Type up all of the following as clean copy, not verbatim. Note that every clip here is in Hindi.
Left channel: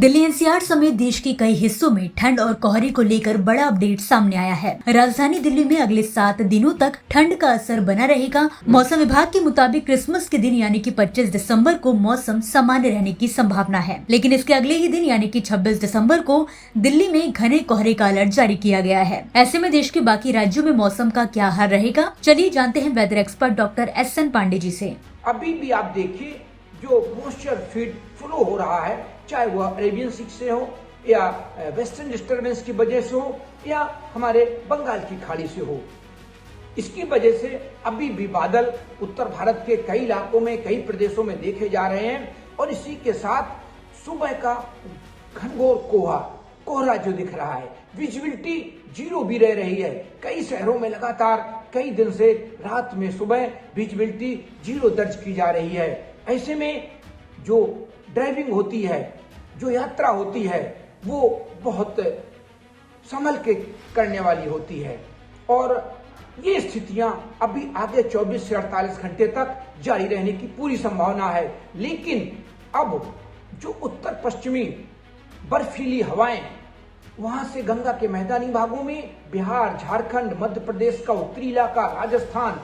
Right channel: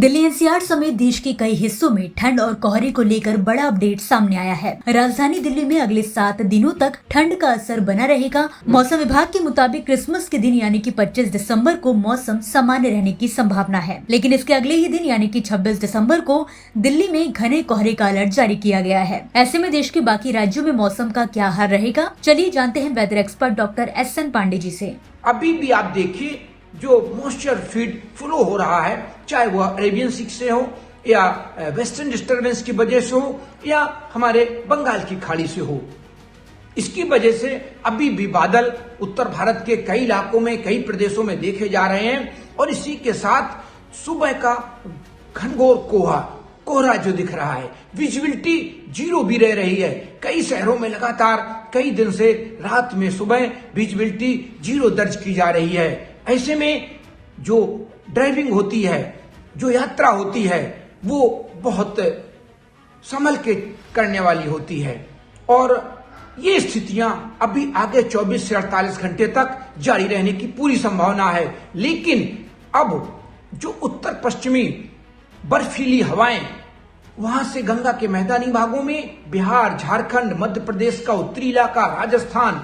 दिल्ली एनसीआर समेत देश के कई हिस्सों में ठंड और कोहरे को लेकर बड़ा अपडेट सामने आया है। राजधानी दिल्ली में अगले 7 दिनों तक ठंड का असर बना रहेगा। मौसम विभाग के मुताबिक क्रिसमस के दिन यानी कि 25 दिसंबर को मौसम सामान्य रहने की संभावना है, लेकिन इसके अगले ही दिन यानी कि 26 दिसंबर को दिल्ली में घने कोहरे का अलर्ट जारी किया गया है। ऐसे में देश के बाकी राज्यों में मौसम का क्या हाल रहेगा, चलिए जानते हैं weather expert doctor SN Pandey ji से। अभी भी आप देखिए जो मॉइस्चर फीड फ्लो हो रहा है, चाहे वह अरेबियन सी से हो या वेस्टर्न डिस्टर्बेंस की वजह से हो या हमारे बंगाल की खाड़ी से हो, इसकी वजह से अभी भी बादल उत्तर भारत के कई इलाकों में, कई प्रदेशों में देखे जा रहे हैं। और इसी के साथ सुबह का घनघोर कोहरा जो दिख रहा है, विजिबिलिटी 0 भी रह रही है। कई शहरों में लगातार कई दिन से रात में सुबह विजिबिलिटी 0 दर्ज की जा रही है। ऐसे में जो ड्राइविंग होती है, जो यात्रा होती है, वो बहुत संभल के करने वाली होती है। और ये स्थितियां अभी आगे 24 से 48 घंटे तक जारी रहने की पूरी संभावना है। लेकिन अब जो उत्तर पश्चिमी बर्फीली हवाएं वहां से गंगा के मैदानी भागों में बिहार, झारखंड, मध्य प्रदेश का उत्तरी इलाका, राजस्थान,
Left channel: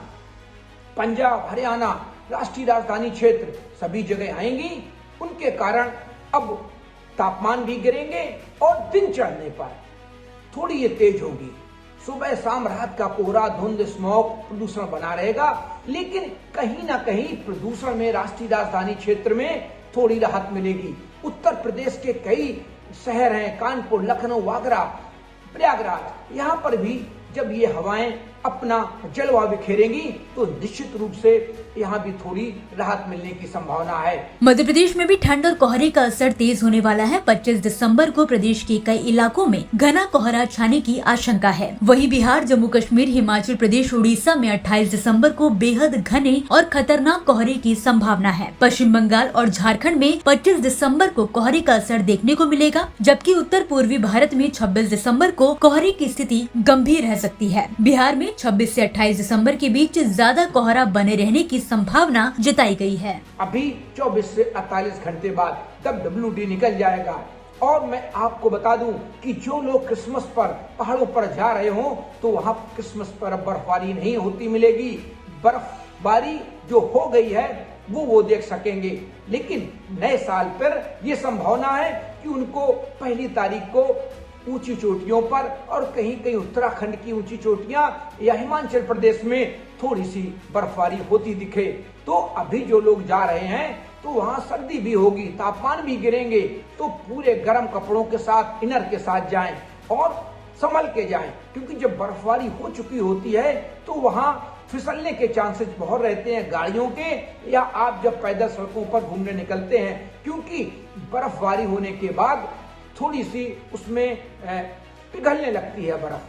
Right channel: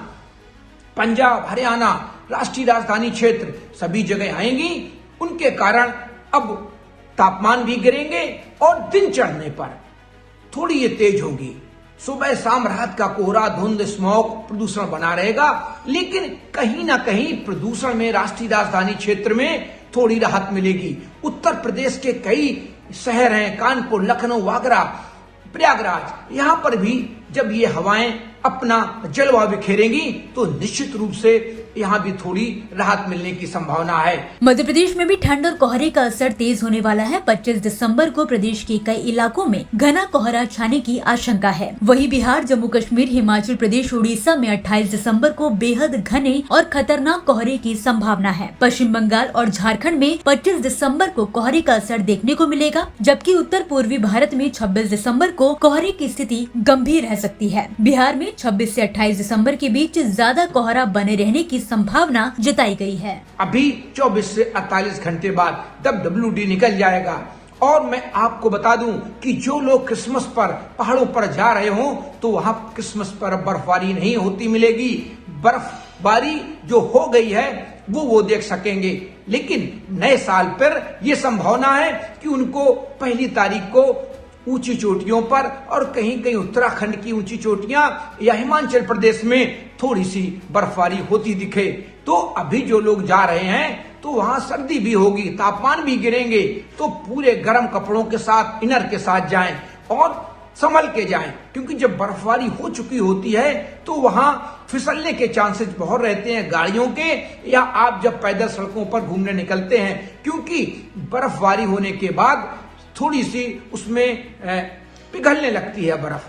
पंजाब, हरियाणा, राष्ट्रीय राजधानी क्षेत्र सभी जगह आएंगी। उनके कारण अब तापमान भी गिरेंगे और दिन चढ़ने पर थोड़ी ये तेज होगी। सुबह शाम रात का कोहरा, धुंध, स्मॉग, प्रदूषण बना रहेगा, लेकिन कहीं ना कहीं प्रदूषण में राष्ट्रीय राजधानी क्षेत्र में थोड़ी राहत मिलेगी। उत्तर प्रदेश के कई शहर हैं, कानपुर, लखनऊ, आगरा, प्रयागराज, यहाँ पर भी जब ये हवाएं अपना जलवा बिखेरेंगी तो निश्चित रूप से यहाँ भी थोड़ी राहत मिलने की संभावना है। मध्य प्रदेश में भी ठंड और कोहरे का असर तेज होने वाला है। 25 दिसंबर को प्रदेश के कई इलाकों में घना कोहरा छाने की आशंका है। वहीं बिहार, जम्मू कश्मीर, हिमाचल प्रदेश, उड़ीसा में 28 दिसंबर को बेहद घने और खतरनाक कोहरे की संभावना है। पश्चिम बंगाल और झारखंड में 25 दिसंबर को कोहरे का असर देखने को मिलेगा, जबकि उत्तर पूर्वी भारत में 26 दिसंबर को कोहरे की स्थिति गंभीर रह सकती है। बिहार में 26 से 28 दिसंबर के बीच ज्यादा कोहरा बने रहने की संभावना जताई गई है। अभी 24 से 48 घंटे बाद तब WD निकल जाएगा। और मैं आपको बता दूं कि जो लोग क्रिसमस पर पहाड़ों पर जा रहे हो तो वहां क्रिसमस पर बर्फबारी नहीं होती मिलेगी। बर्फबारी जो हो गई है वो देख सकेंगे, लेकिन नए साल पर यह संभावना है कि उनको पहली तारीख को ऊंची चोटियों पर और कहीं कहीं उत्तराखंड की ऊंची चोटियां या हिमाचल प्रदेश में थोड़ी सी बर्फबारी होती दिखे। तो अभी जो लोग जा रहे हैं तो वहां सर्दी भी होगी, तापमान भी गिरेंगे, तो पूरे गर्म कपड़ों के साथ, इनर के साथ जाएं और संभल के जाएं, क्योंकि जब बर्फबारी हो चुकी होती है तो वहां फिसलने के चांसेस बहुत रहते हैं गाड़ियों के, या आप जब पैदल सड़कों पर घूमने निकलते हैं, क्योंकि बर्फबारी होने के बाद थोड़ी सी उसमें पिघलने लगती है बर्फ।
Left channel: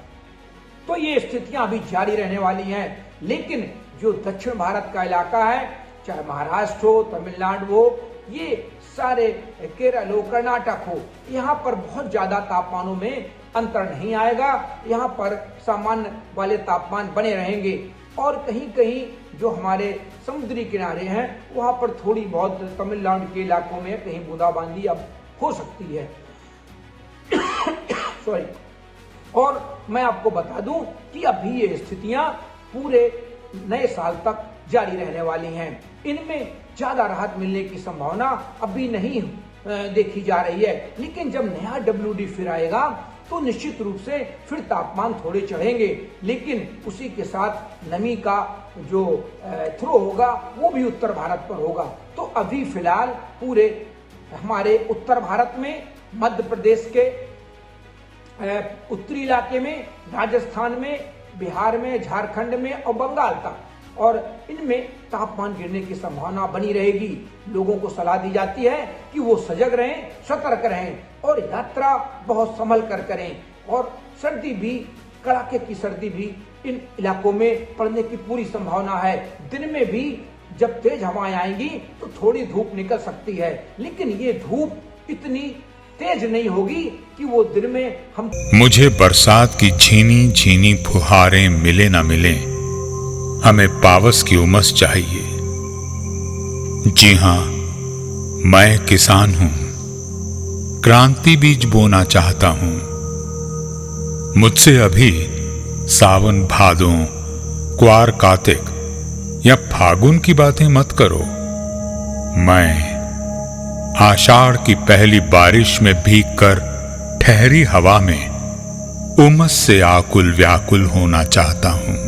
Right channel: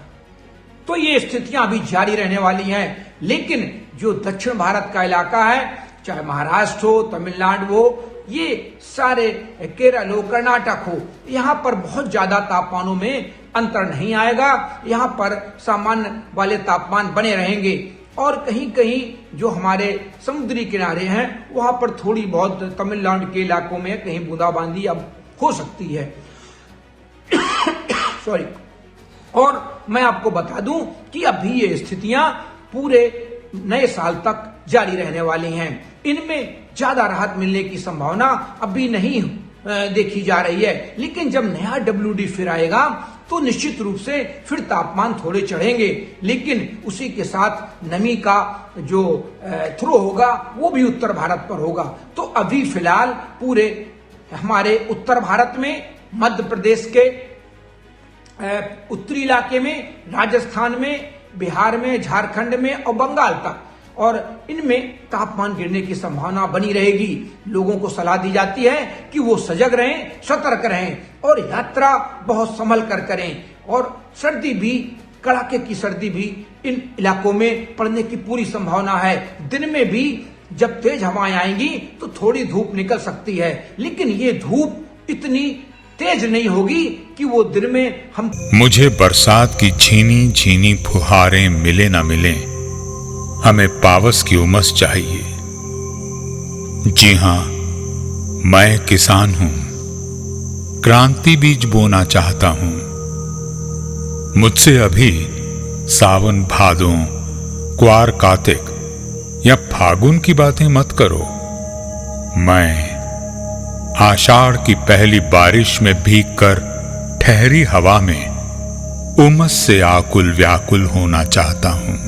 तो ये स्थितियां अभी जारी रहने वाली हैं। लेकिन जो दक्षिण भारत का इलाका है, चाहे महाराष्ट्र हो, तमिलनाडु हो, ये सारे केरल हो, कर्नाटक हो, यहाँ पर बहुत ज्यादा तापमानों में अंतर नहीं आएगा। यहाँ पर सामान्य वाले तापमान बने रहेंगे। और कहीं कहीं जो हमारे समुद्री किनारे हैं वहां पर थोड़ी बहुत तमिलनाडु के इलाकों में कहीं बूंदाबांदी अब हो सकती है। सॉरी। और मैं आपको बता दूं कि अभी ये स्थितियां पूरे नए साल तक जारी रहने वाली हैं। इनमें ज्यादा राहत मिलने की संभावना अभी नहीं देखी जा रही है, लेकिन जब नया WD फिर आएगा तो निश्चित रूप से फिर तापमान थोड़े चढ़ेंगे, लेकिन उसी के साथ नमी का जो थ्रो होगा वो भी उत्तर भारत पर होगा। तो अभी फिलहाल पूरे हमारे उत्तर भारत में, मध्य प्रदेश के उत्तरी इलाके में, राजस्थान में, बिहार में, झारखंड में और बंगाल तक, और इनमें तापमान गिरने की संभावना बनी रहेगी। लोगों को सलाह दी जाती है कि वो सजग रहें, सतर्क रहें और यात्रा बहुत संभल कर करें। और सर्दी भी, कड़ाके की सर्दी भी इन इलाकों में पड़ने की पूरी संभावना है। दिन में भी जब तेज हवाएं आएंगी तो थोड़ी धूप निकल सकती है, लेकिन ये धूप इतनी तेज नहीं होगी कि वो दिन में हम। मुझे बरसात की झीनी झीनी फुहारें मिले ना मिले, हमें पावस की उमस चाहिए। जी हां, मैं किसान हूं, क्रांति बीज बोना चाहता हूं। मुझसे अभी सावन भादों, क्वार कार्तिक या फागुन की बातें मत करो। मैं आषाढ़ की पहली बारिश में भीगकर ठहरी हवा में उमस से आकुल व्याकुल होना चाहता हूं।